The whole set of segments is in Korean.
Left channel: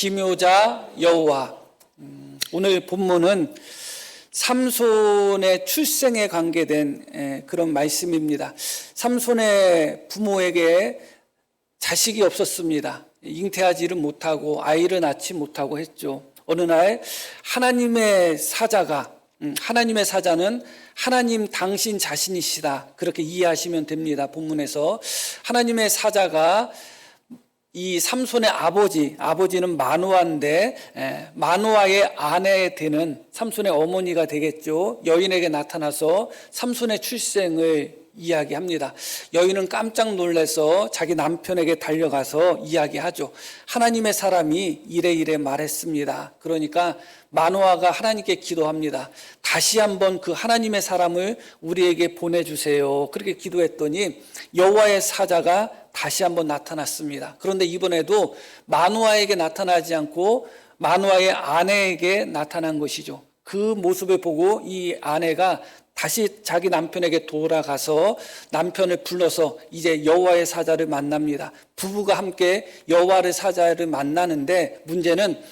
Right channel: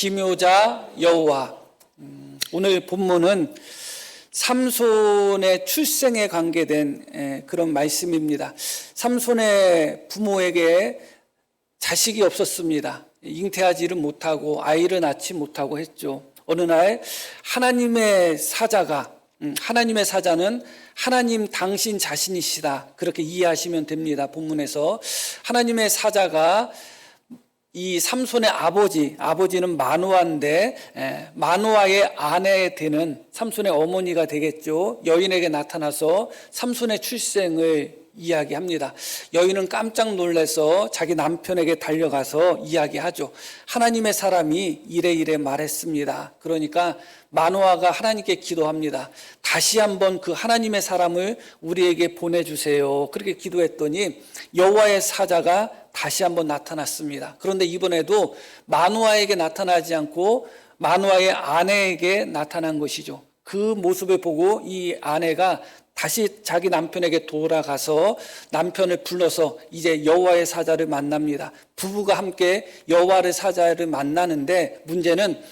기묘자 여호와. 오늘 본문은 삼손의 출생에 관계된 그런 말씀입니다. 삼손의 부모에게 자식이 없었습니다. 잉태하지를 못하고 아이를 낳지 못하고 했죠. 어느 날 하나님의 사자는 하나님 당신 자신이시다, 그렇게 이해하시면 됩니다. 본문에서 하나님의 사자가 이 삼손의 아버지는 마누아인데, 마누아의 아내 되는 삼손의 어머니가 되겠죠. 여인에게 나타나서 삼손의 출생을 이야기합니다. 여인은 깜짝 놀라서 자기 남편에게 달려가서 이야기하죠. 하나님의 사람이 이래 말했습니다. 그러니까 마누아가 하나님께 기도합니다. 다시 한번 그 하나님의 사람을 우리에게 보내주세요. 그렇게 기도했더니 여호와의 사자가 다시 한번 나타났습니다. 그런데 이번에도 마누아에게 나타나지 않고 마누아의 아내에게 나타난 것이죠. 그 모습을 보고 이 아내가 다시 자기 남편에게 돌아가서 남편을 불러서 이제 여호와의 사자를 만납니다. 부부가 함께 여호와의 사자를 만나는데, 문제는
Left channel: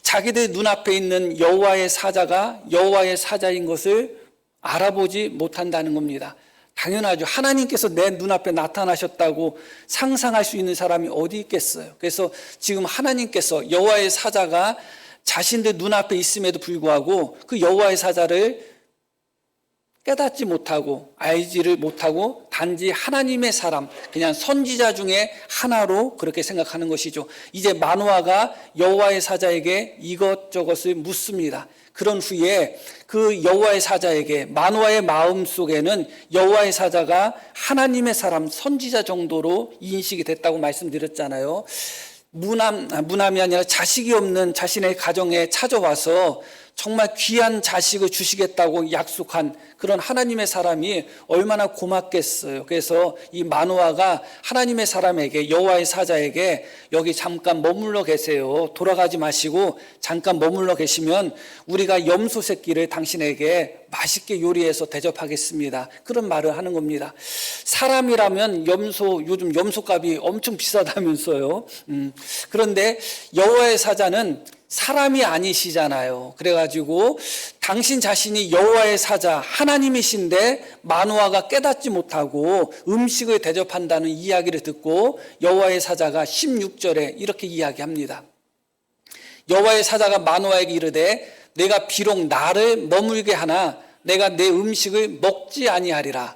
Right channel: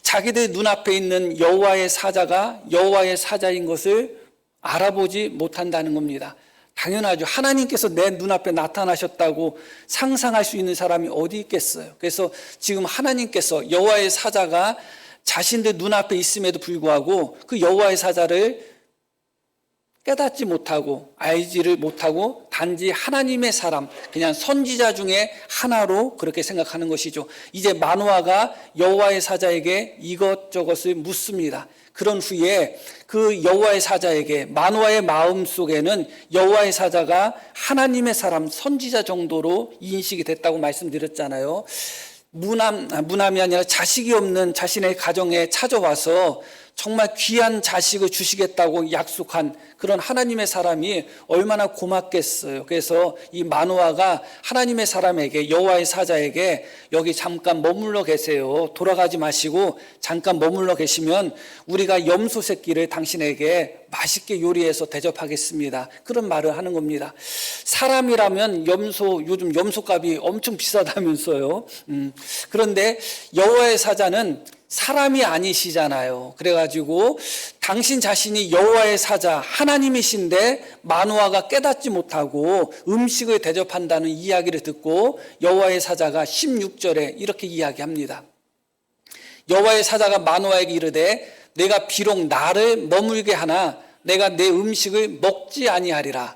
자기들 눈앞에 있는 여호와의 사자가 여호와의 사자인 것을 알아보지 못한다는 겁니다. 당연하죠. 하나님께서 내 눈앞에 나타나셨다고 상상할 수 있는 사람이 어디 있겠어요. 그래서 지금 하나님께서 여호와의 사자가 자신들 눈앞에 있음에도 불구하고 그 여호와의 사자를 깨닫지 못하고 알지를 못하고 단지 하나님의 사람, 그냥 선지자 중에 하나로 그렇게 생각하는 것이죠. 이제 마누아가 여호와의 사자에게 이것저것을 묻습니다. 그런 후에 그 여호와의 사자에게, 마누아의 마음속에는 여호와의 사자가 하나님의 사람, 선지자 정도로 인식이 됐다고 말씀드렸잖아요. 무남이 아니라 자식이 없는 자신의 가정에 찾아와서 정말 귀한 자식을 주시겠다고 약속한 그런 하나님의 사람이 얼마나 고맙겠어요. 그래서 이 마누아가 하나님의 사람에게, 여호와의 사자에게 여기 잠깐 머물러 계세요. 돌아가지 마시고 잠깐 머물러 계시면 우리가 염소 새끼를 당신에게 맛있게 요리해서 대접하겠습니다. 그런 말을 하는 겁니다. 사람이라면 요즘 염소값이 엄청 비싸다면서요. 그런데 여호와의 사자는 사람이 아니시잖아요. 그래가지고 당신 자신이 여호와의 사자, 하나님이신데 마누아가 깨닫지 못하고 음식을 대접한다는 이야기를 듣고 여호와의 사자가 16절에 이렇게 이야기합니다. 여호와의 사자가 마누아에게 이르되 내가 비록 나를 머물게 하나 내가 내 음식을 먹지 아니하리라.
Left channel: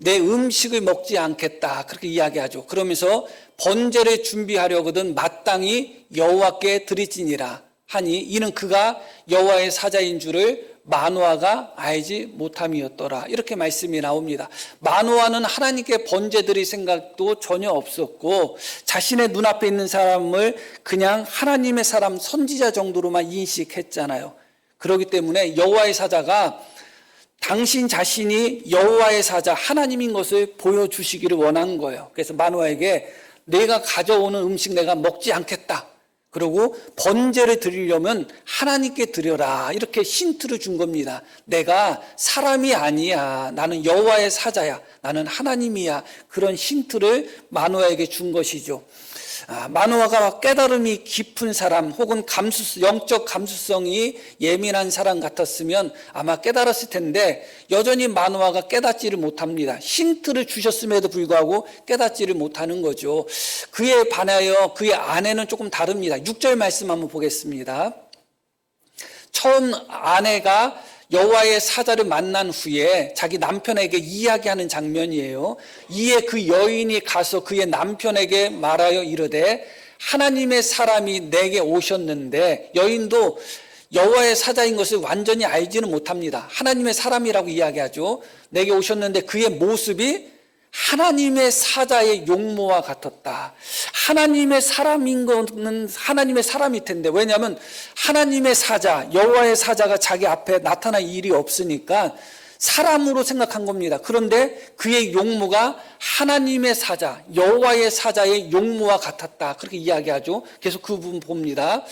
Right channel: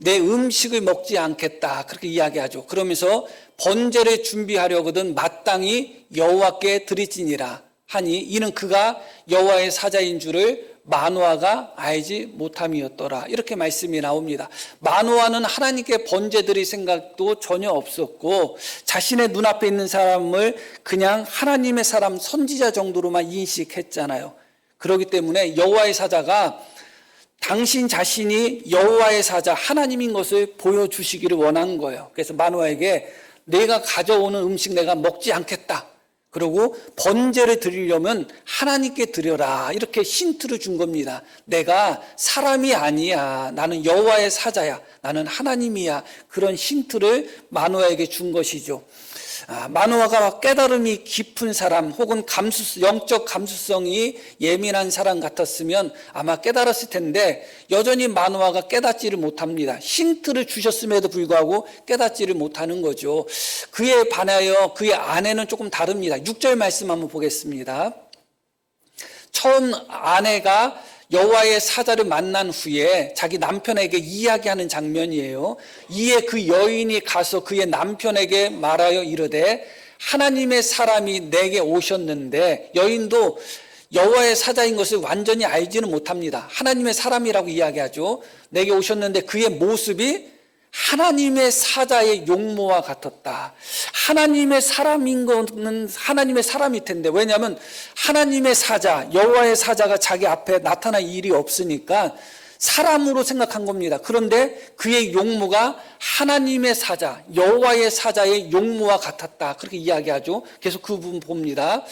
내 음식을 먹지 않겠다, 그렇게 이야기하죠. 그러면서 번제를 준비하려거든 마땅히 여호와께 드리지니라 하니 이는 그가 여호와의 사자인 줄을 마누아가 알지 못함이었더라, 이렇게 말씀이 나옵니다. 마누아는 하나님께 번제 드릴 생각도 전혀 없었고 자신의 눈앞에 있는 사람을 그냥 하나님의 사람, 선지자 정도로만 인식했잖아요. 그렇기 때문에 여호와의 사자가 당신 자신이 여호와의 사자, 하나님인 것을 보여주시기를 원한 거예요. 그래서 마누아에게 내가 가져오는 음식 내가 먹지 않겠다, 그리고 번제를 드리려면 하나님께 드려라, 이렇게 힌트를 준 겁니다. 내가 사람이 아니야, 나는 여호와의 사자야, 나는 하나님이야, 그런 힌트를 마누아에게 준 것이죠. 마누아가 깨달음이 깊은 사람 혹은 영적 감수성이 예민한 사람 같았으면 아마 깨달았을 텐데 여전히 마누아가 깨닫지를 못합니다. 힌트를 주셨음에도 불구하고 깨닫지를 못하는 거죠. 그에 반하여 그의 아내는 조금 다릅니다. 6절 말씀 한번 보겠습니다. 처음 아내가 여호와의 사자를 만난 후에 자기 남편에게 이야기하는 장면이에요. 이에 그 여인이 가서 그의 남편에게 말하여 이르되 하나님의 사람이 내게 오셨는데, 여인도 여호와의 사자인 것을 완전히 알지는 못합니다. 하나님의 사람이라고 이야기하죠. 내게 오셨는데 그의 모습이 하나님의 사자의 용모와 같았다. 하나님의 사람인 것은 하나님의 사람일 텐데, 왜냐하면 하나님의 사자, 여호와의 사자가 자기 앞에 나타날 일이 없으니까 사람으로 생각한 겁니다. 그런데 그의 용모가 하나님의 사자, 여호와의 사자의 용모와 같았다, 그렇게 이야기하죠. 계속 그 부분 봅니다.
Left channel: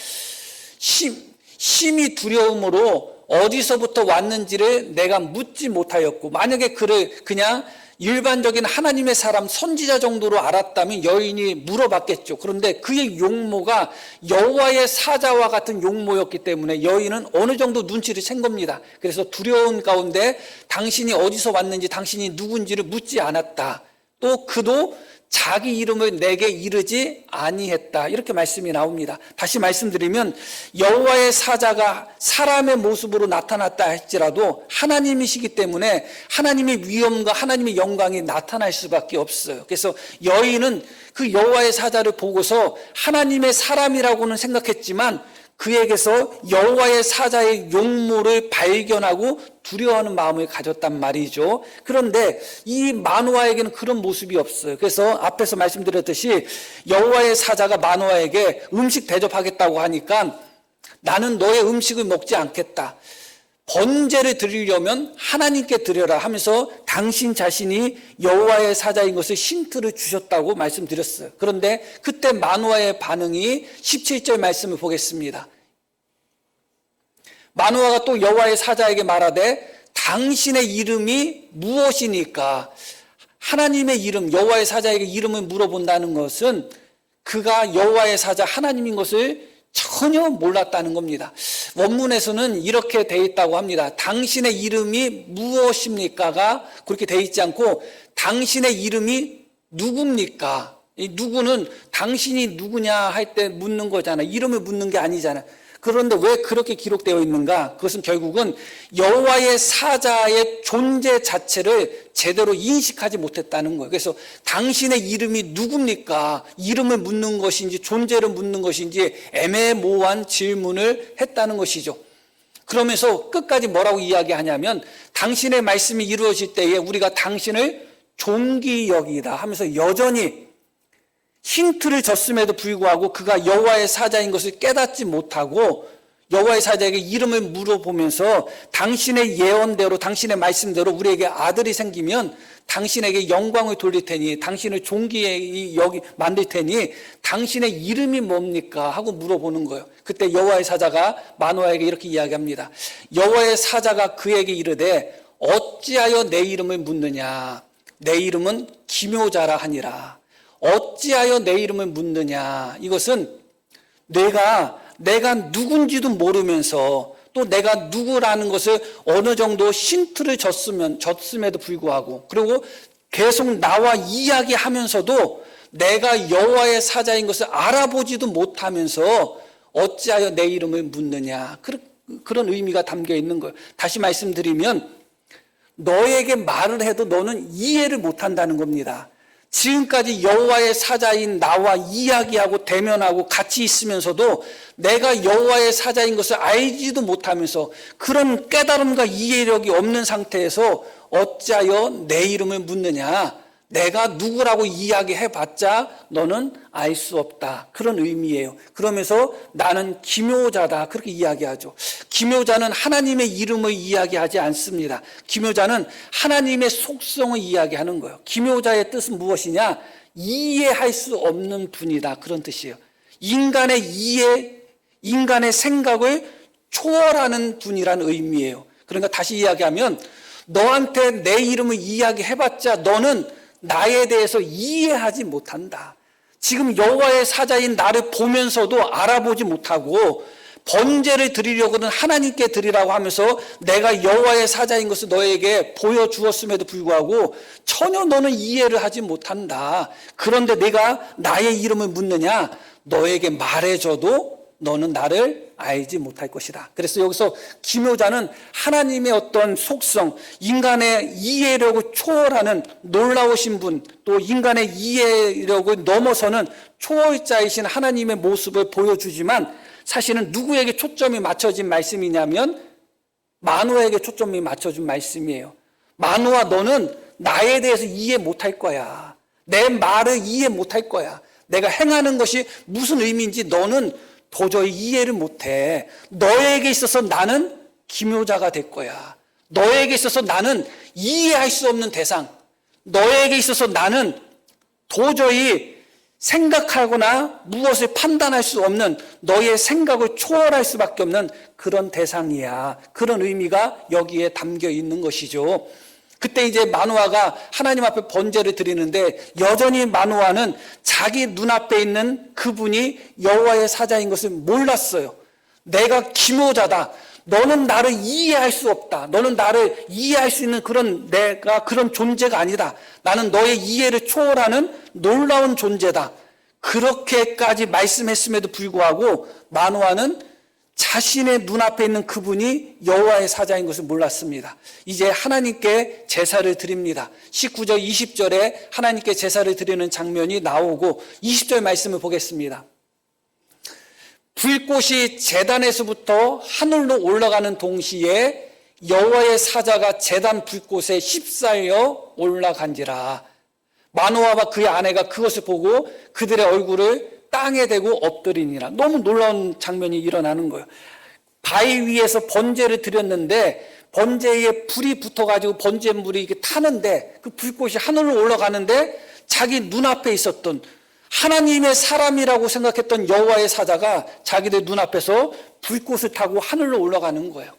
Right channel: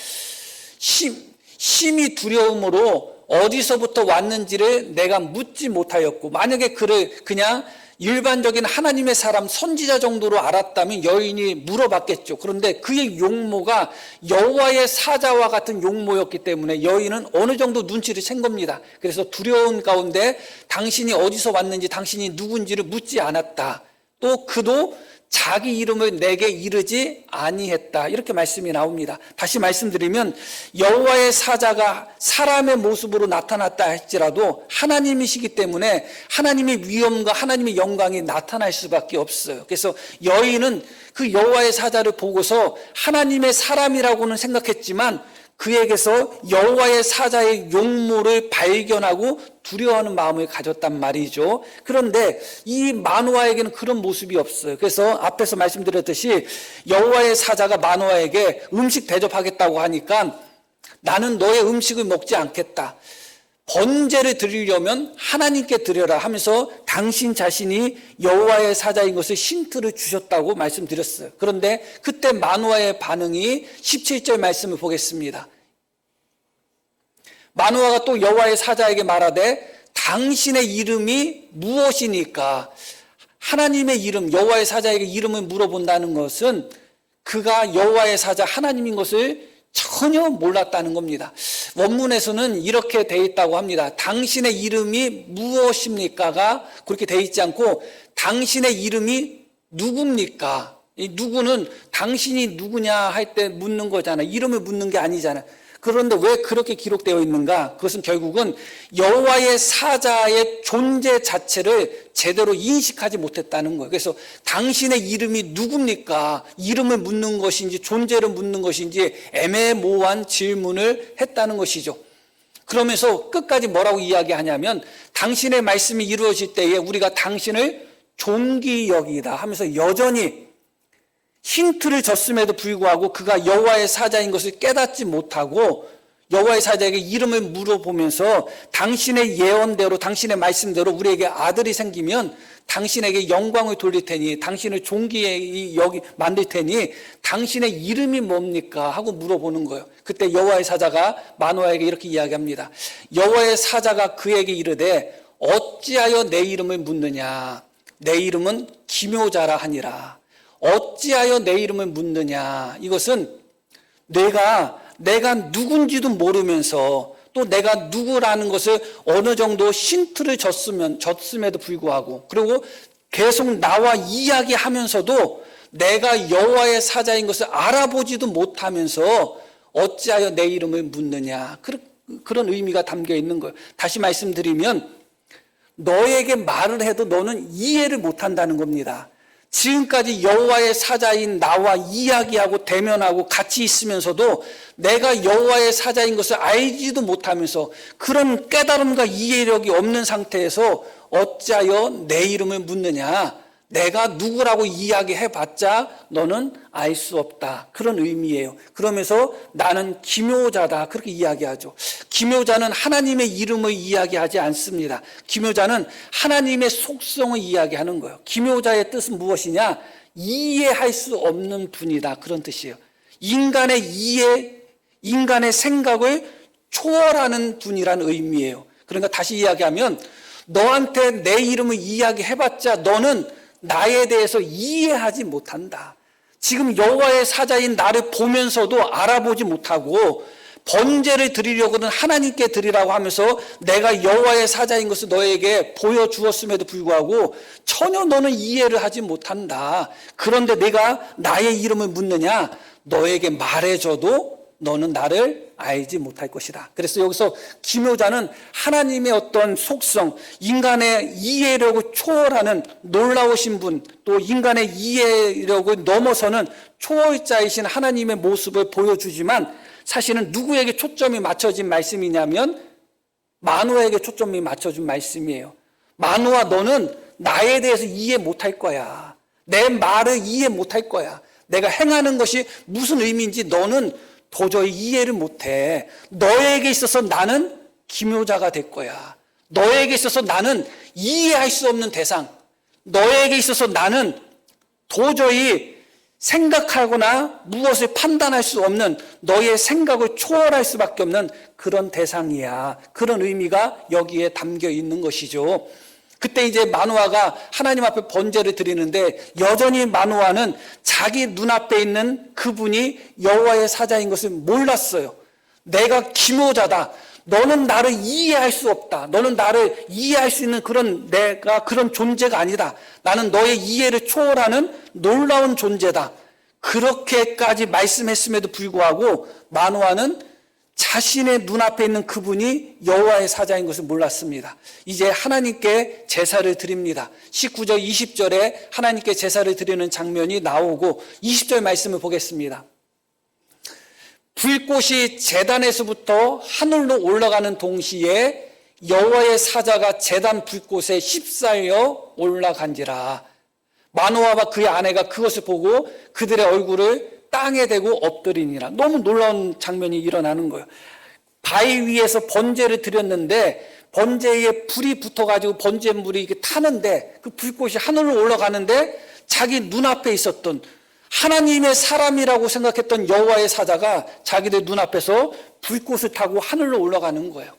심히 두려움으로 어디서부터 왔는지를 내가 묻지 못하였고, 만약에 그를 그냥 일반적인 하나님의 사람 선지자 정도로 알았다면 여인이 물어봤겠죠. 그런데 그의 용모가 여호와의 사자와 같은 용모였기 때문에 여인은 어느 정도 눈치를 챈 겁니다. 그래서 두려운 가운데 당신이 어디서 왔는지 당신이 누군지를 묻지 않았다. 또 그도 자기 이름을 내게 이르지 아니했다. 이렇게 말씀이 나옵니다. 다시 말씀드리면 여호와의 사자가 사람의 모습으로 나타났다 할지라도 하나님이시기 때문에 하나님의 위엄과 하나님의 영광이 나타날 수밖에 없어요. 그래서 여인은 그 여호와의 사자를 보고서 하나님의 사람이라고는 생각했지만 그에게서 여호와의 사자의 용모를 발견하고 두려워하는 마음을 가졌단 말이죠. 그런데 이 마노아에게는 그런 모습이 없어요. 그래서 앞에서 말씀드렸듯이 여호와의 사자가 마노아에게 음식 대접하겠다고 하니까 나는 너의 음식을 먹지 않겠다. 번제를 드리려면 하나님께 드려라 하면서 당신 자신이 여호와의 사자인 것을 힌트를 주셨다고 말씀드렸어요. 그런데 그때 마노아의 반응이 17절 말씀을 보겠습니다. 마노아가 또 여호와의 사자에게 말하되 당신의 이름이 무엇이니까? 하나님의 이름, 여호와의 사자에게 이름을 물어본다는 것은 그가 여호와의 사자 하나님인 것을 전혀 몰랐다는 겁니다. 원문에서는 이렇게 되어 있다고 합니다. 당신의 이름이 무엇입니까가 그렇게 되어 있지 않고 당신의 이름이 누굽니까? 이 누구는 당신이 누구냐 할 때 묻는 거잖아요. 이름을 묻는 게 아니잖아요. 그런데 왜 그렇게 기록되어 있는가? 그것은 결국은 여호와의 사자의 존재 자체를 제대로 인식하지 못했다는 거예요. 그래서 당신의 이름이 누굽니까? 이름을 묻는 것인지 존재를 묻는 것인지 애매모호한 질문을 했다는 것이죠. 그러면서 끝까지 뭐라고 이야기하냐면 당신의 말씀이 이루어질 때에 우리가 당신을 존귀 여기다 하면서 여전히 힌트를 줬음에도 불구하고 그가 여호와의 사자인 것을 깨닫지 못하고 여호와의 사자에게 이름을 물어보면서 당신의 예언대로 당신의 말씀대로 우리에게 아들이 생기면 당신에게 영광을 돌릴 테니 당신을 존귀에 여기 만들 테니 당신의 이름이 뭡니까? 하고 물어보는 거예요. 그때 여호와의 사자가 마노아에게 이렇게 이야기합니다. 여호와의 사자가 그에게 이르되 어찌하여 내 이름을 묻느냐? 내 이름은 기묘자라 하니라. 어찌하여 내 이름을 묻느냐? 이것은 내가 누군지도 모르면서 또 내가 누구라는 것을 어느 정도 힌트를 줬음에도 불구하고 그리고 계속 나와 이야기하면서도 내가 여호와의 사자인 것을 알아보지도 못하면서 어찌하여 내 이름을 묻느냐? 그런 의미가 담겨 있는 거예요. 다시 말씀드리면 너에게 말을 해도 너는 이해를 못한다는 겁니다. 지금까지 여호와의 사자인 나와 이야기하고 대면하고 같이 있으면서도 내가 여호와의 사자인 것을 알지도 못하면서 그런 깨달음과 이해력이 없는 상태에서 어찌하여 내 이름을 묻느냐? 내가 누구라고 이야기해봤자 너는 알 수 없다. 그런 의미예요. 그러면서 나는 기묘자다. 그렇게 이야기하죠. 기묘자는 하나님의 이름을 이야기하지 않습니다. 기묘자는 하나님의 속성을 이야기하는 거예요. 기묘자의 뜻은 무엇이냐? 이해할 수 없는 분이다. 그런 뜻이에요. 인간의 이해, 인간의 생각을 초월하는 분이라는 의미예요. 그러니까 다시 이야기하면 너한테 내 이름을 이야기해봤자 너는 나에 대해서 이해하지 못한다. 지금 여호와의 사자인 나를 보면서도 알아보지 못하고 번제를 드리려고는 하나님께 드리라고 하면서 내가 여호와의 사자인 것을 너에게 보여주었음에도 불구하고 전혀 너는 이해를 하지 못한다. 그런데 내가 나의 이름을 묻느냐? 너에게 말해줘도 너는 나를 알지 못할 것이다. 그래서 여기서 기묘자는 하나님의 어떤 속성, 인간의 이해력을 초월하는 놀라우신 분, 또 인간의 이해력을 넘어서는 초월자이신 하나님의 모습을 보여주지만 사실은 누구에게 초점이 맞춰진 말씀이냐면 마노아에게 초점이 맞춰진 말씀이에요. 마노아, 너는 나에 대해서 이해 못할 거야. 내 말을 이해 못할 거야. 내가 행하는 것이 무슨 의미인지 너는 도저히 이해를 못해. 너에게 있어서 나는 기묘자가 될 거야. 너에게 있어서 나는 이해할 수 없는 대상. 너에게 있어서 나는 도저히 생각하거나 무엇을 판단할 수 없는 너의 생각을 초월할 수밖에 없는 그런 대상이야. 그런 의미가 여기에 담겨 있는 것이죠. 그때 이제 마노아가 하나님 앞에 번제를 드리는데 여전히 마노아는 자기 눈앞에 있는 그분이 여호와의 사자인 것을 몰랐어요. 내가 기모자다. 너는 나를 이해할 수 없다. 너는 나를 이해할 수 있는 내가 그런 존재가 아니다. 나는 너의 이해를 초월하는 놀라운 존재다. 그렇게까지 말씀했음에도 불구하고 마노아는 자신의 눈앞에 있는 그분이 여호와의 사자인 것을 몰랐습니다. 이제 하나님께 제사를 드립니다. 19절 20절에 하나님께 제사를 드리는 장면이 나오고 20절 말씀을 보겠습니다. 불꽃이 제단에서부터 하늘로 올라가는 동시에 여호와의 사자가 제단 불꽃에 휩싸여 올라간지라. 마노아와 그의 아내가 그것을 보고 그들의 얼굴을 땅에 대고 엎드리니라. 너무 놀라운 장면이 일어나는 거예요. 바위 위에서 번제를 드렸는데 번제에 불이 붙어가지고 번제물이 이렇게 타는데 그 불꽃이 하늘로 올라가는데 자기 눈앞에 있었던 하나님의 사람이라고 생각했던 여호와의 사자가 자기들 눈앞에서 불꽃을 타고 하늘로 올라가는 거예요.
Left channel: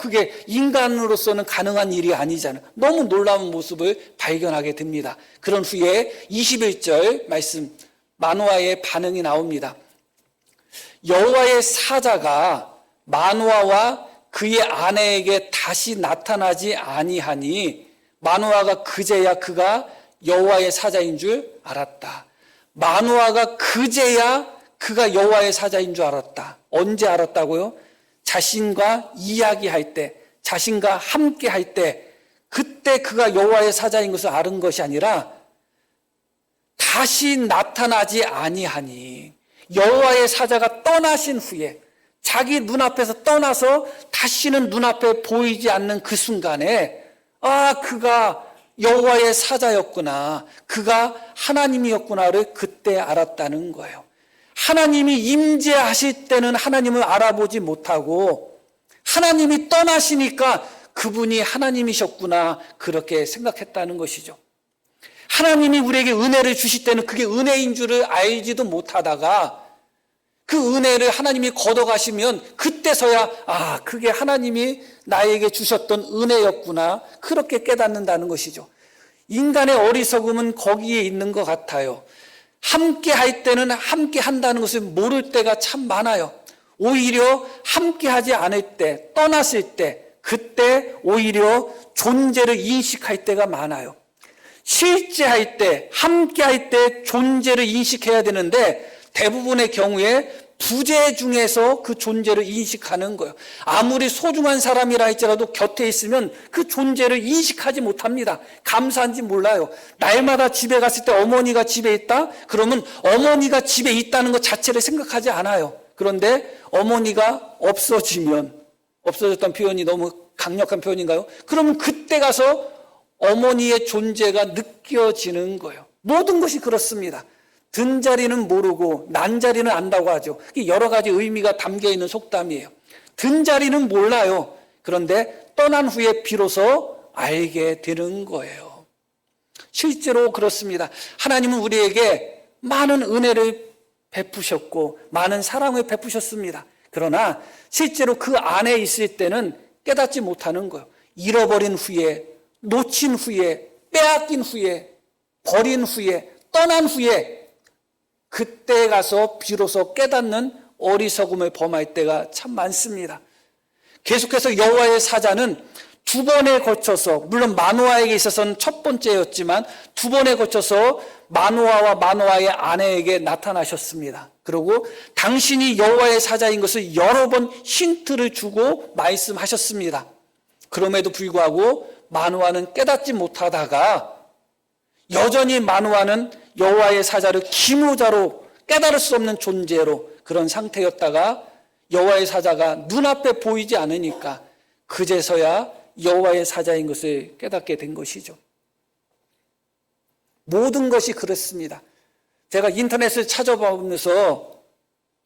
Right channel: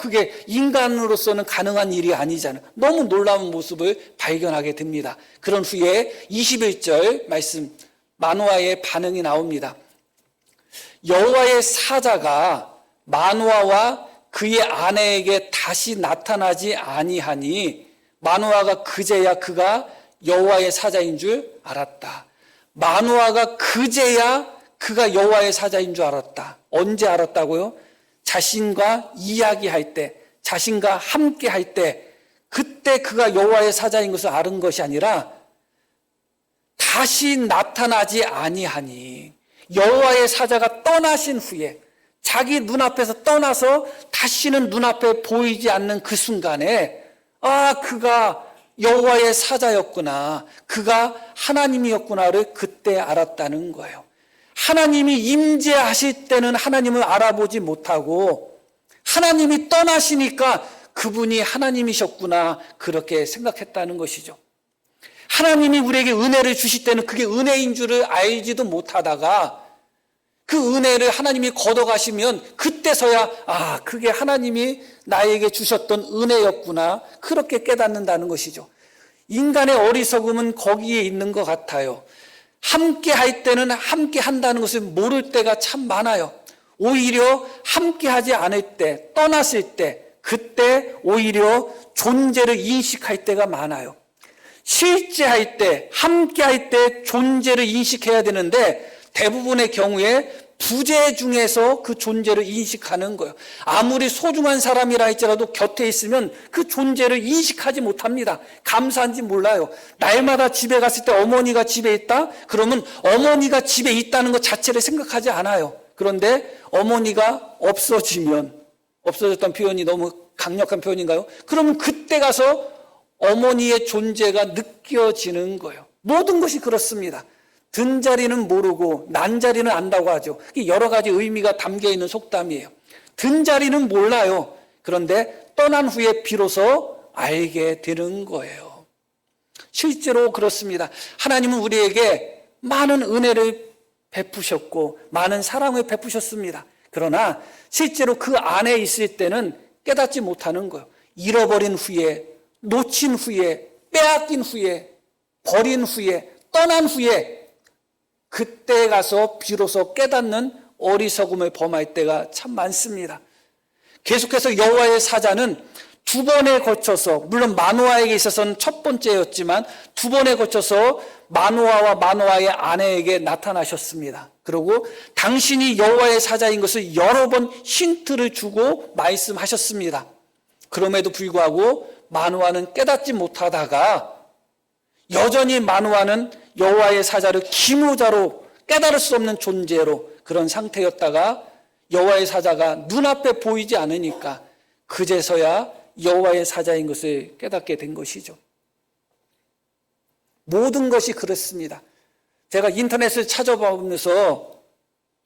그게 인간으로서는 가능한 일이 아니잖아요. 너무 놀라운 모습을 발견하게 됩니다. 그런 후에 21절 말씀 마노아의 반응이 나옵니다. 여호와의 사자가 마노아와 그의 아내에게 다시 나타나지 아니하니 마노아가 그제야 그가 여호와의 사자인 줄 알았다. 마노아가 그제야 그가 여호와의 사자인 줄 알았다. 언제 알았다고요? 자신과 이야기할 때, 자신과 함께 할 때, 그때 그가 여호와의 사자인 것을 아는 것이 아니라 다시 나타나지 아니하니 여호와의 사자가 떠나신 후에 자기 눈앞에서 떠나서 다시는 눈앞에 보이지 않는 그 순간에 그가 여호와의 사자였구나, 그가 하나님이었구나를 그때 알았다는 거예요. 하나님이 임재하실 때는 하나님을 알아보지 못하고 하나님이 떠나시니까 그분이 하나님이셨구나 그렇게 생각했다는 것이죠. 하나님이 우리에게 은혜를 주실 때는 그게 은혜인 줄을 알지도 못하다가 그 은혜를 하나님이 걷어가시면 그때서야 그게 하나님이 나에게 주셨던 은혜였구나 그렇게 깨닫는다는 것이죠. 인간의 어리석음은 거기에 있는 것 같아요. 함께 할 때는 함께 한다는 것을 모를 때가 참 많아요. 오히려 함께 하지 않을 때, 떠났을 때, 그때 오히려 존재를 인식할 때가 많아요. 실제 할 때, 함께 할 때 존재를 인식해야 되는데 대부분의 경우에 부재 중에서 그 존재를 인식하는 거예요. 아무리 소중한 사람이라 할지라도 곁에 있으면 그 존재를 인식하지 못합니다. 감사한지 몰라요. 날마다 집에 갔을 때 어머니가 집에 있다? 그러면 어머니가 집에 있다는 것 자체를 생각하지 않아요. 그런데 어머니가 없어졌다는 표현이 너무 강력한 표현인가요? 그러면 그때 가서 어머니의 존재가 느껴지는 거예요. 모든 것이 그렇습니다. 든 자리는 모르고 난 자리는 안다고 하죠. 여러 가지 의미가 담겨 있는 속담이에요. 든 자리는 몰라요. 그런데 떠난 후에 비로소 알게 되는 거예요. 실제로 그렇습니다. 하나님은 우리에게 많은 은혜를 베푸셨고 많은 사랑을 베푸셨습니다. 그러나 실제로 그 안에 있을 때는 깨닫지 못하는 거예요. 잃어버린 후에, 놓친 후에, 빼앗긴 후에, 버린 후에, 떠난 후에 그때 가서 비로소 깨닫는 어리석음을 범할 때가 참 많습니다. 계속해서 여호와의 사자는 두 번에 거쳐서, 물론 마노아에게 있어서는 첫 번째였지만 두 번에 거쳐서 마노아와 마노아의 아내에게 나타나셨습니다. 그리고 당신이 여호와의 사자인 것을 여러 번 힌트를 주고 말씀하셨습니다. 그럼에도 불구하고 마노아는 깨닫지 못하다가 여전히 마노아는 여호와의 사자를 기무자로 깨달을 수 없는 존재로 그런 상태였다가 여호와의 사자가 눈앞에 보이지 않으니까 그제서야 여호와의 사자인 것을 깨닫게 된 것이죠. 모든 것이 그렇습니다. 제가 인터넷을 찾아보면서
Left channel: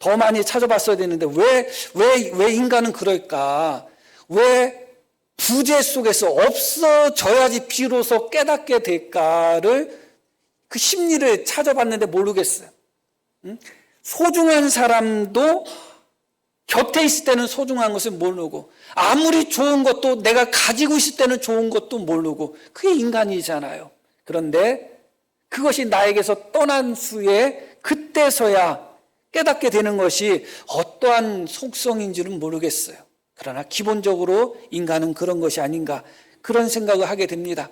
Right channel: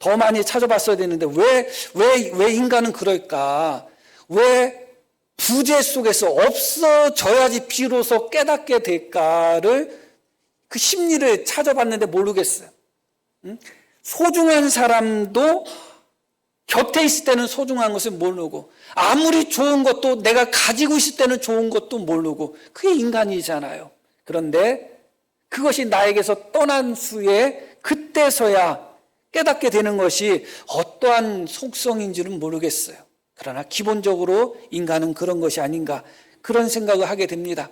더 많이 찾아봤어야 되는데 왜 인간은 그럴까? 왜 부재 속에서 없어져야지 비로소 깨닫게 될까를 그 심리를 찾아봤는데 모르겠어요. 소중한 사람도 곁에 있을 때는 소중한 것을 모르고, 아무리 좋은 것도 내가 가지고 있을 때는 좋은 것도 모르고, 그게 인간이잖아요. 그런데 그것이 나에게서 떠난 후에 그때서야 깨닫게 되는 것이 어떠한 속성인지는 모르겠어요. 그러나 기본적으로 인간은 그런 것이 아닌가, 그런 생각을 하게 됩니다.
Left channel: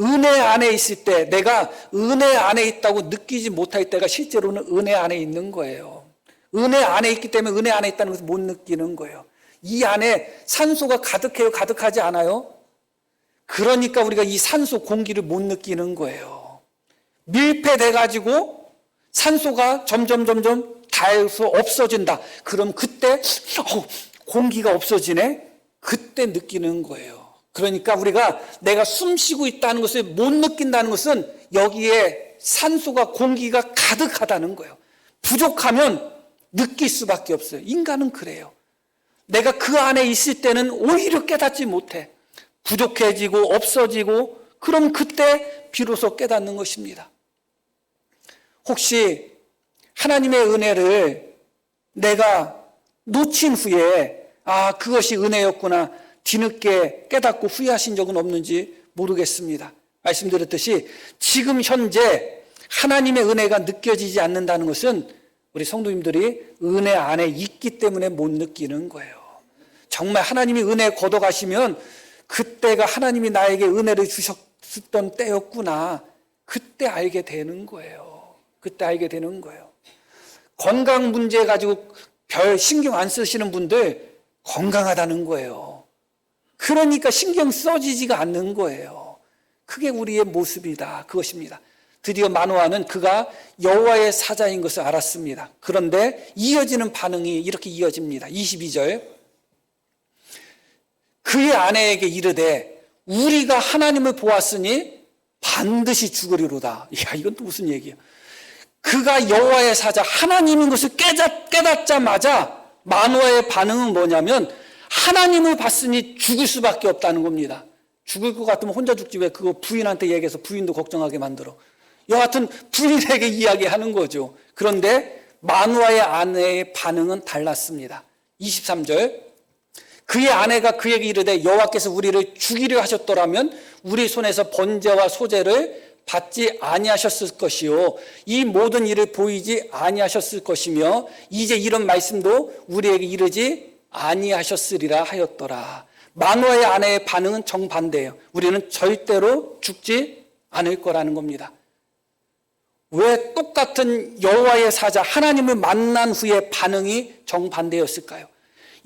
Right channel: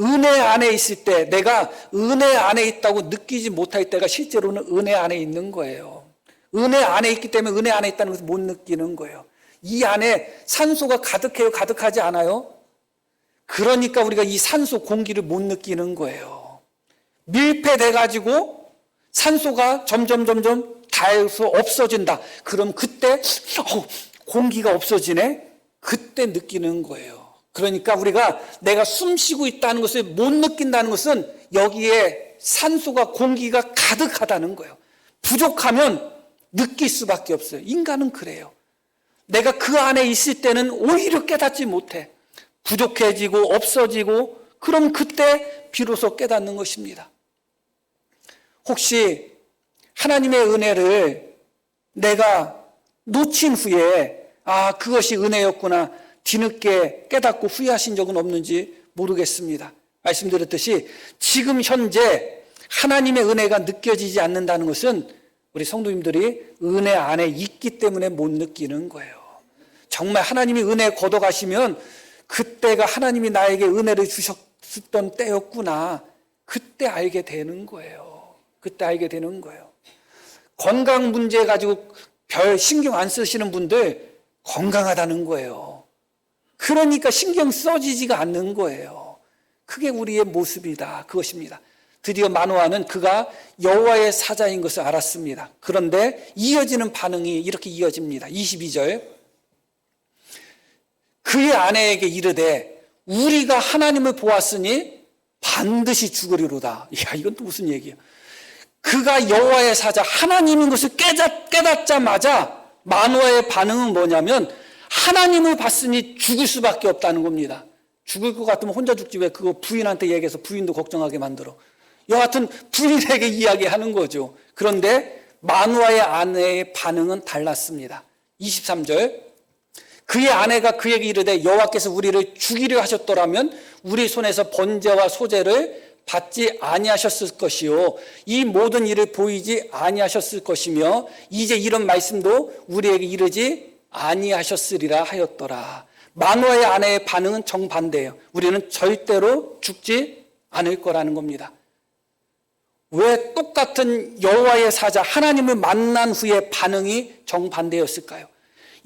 은혜 안에 있을 때, 내가 은혜 안에 있다고 느끼지 못할 때가 실제로는 은혜 안에 있는 거예요. 은혜 안에 있기 때문에 은혜 안에 있다는 것을 못 느끼는 거예요. 이 안에 산소가 가득해요? 가득하지 않아요? 그러니까 우리가 이 산소 공기를 못 느끼는 거예요. 밀폐돼가지고 산소가 점점 닿아서 없어진다. 그럼 그때 공기가 없어지네? 그때 느끼는 거예요. 그러니까 우리가 내가 숨 쉬고 있다는 것을 못 느낀다는 것은 여기에 산소가 공기가 가득하다는 거예요. 부족하면 느낄 수밖에 없어요. 인간은 그래요. 내가 그 안에 있을 때는 오히려 깨닫지 못해. 부족해지고 없어지고, 그럼 그때 비로소 깨닫는 것입니다. 혹시 하나님의 은혜를 내가 놓친 후에 그것이 은혜였구나 뒤늦게 깨닫고 후회하신 적은 없는지 모르겠습니다. 말씀드렸듯이 지금 현재 하나님의 은혜가 느껴지지 않는다는 것은 우리 성도님들이 은혜 안에 있기 때문에 못 느끼는 거예요. 정말 하나님이 은혜 걷어가시면 그때가 하나님이 나에게 은혜를 주셨던 때였구나, 그때 알게 되는 거예요. 그때 알게 되는 거예요. 건강 문제 가지고 별 신경 안 쓰시는 분들 건강하다는 거예요. 그러니까 신경 써지지가 않는 거예요. 그게 우리의 모습이다, 그것입니다. 드디어 마노아는 그가 여호와의 사자인 것을 알았습니다. 그런데 이어지는 반응이 이렇게 이어집니다. 22절. 그의 아내에게 이르되 우리가 하나님을 보았으니 반드시 죽으리로다. 이야, 이건 또 무슨 얘기야. 그가 여호와의 사자, 하나님인 것을 깨닫자마자 마노아의 반응은 뭐냐면 하나님을 봤으니 죽을 수밖에 없다는 겁니다. 죽을 것 같으면 혼자 죽지 왜 그거 부인한테 얘기해서 부인도 걱정하게 만들어. 여하튼 부인에게 이야기하는 거죠. 그런데 마노아의 아내의 반응은 달랐습니다. 23절. 그의 아내가 그에게 이르되 여호와께서 우리를 죽이려 하셨더라면 우리 손에서 번제와 소제를 받지 아니하셨을 것이요 이 모든 일을 보이지 아니하셨을 것이며 이제 이런 말씀도 우리에게 이르지 아니하셨으리라 하였더라. 마노아의 아내의 반응은 정반대예요. 우리는 절대로 죽지 않을 거라는 겁니다. 왜 똑같은 여호와의 사자 하나님을 만난 후에 반응이 정반대였을까요?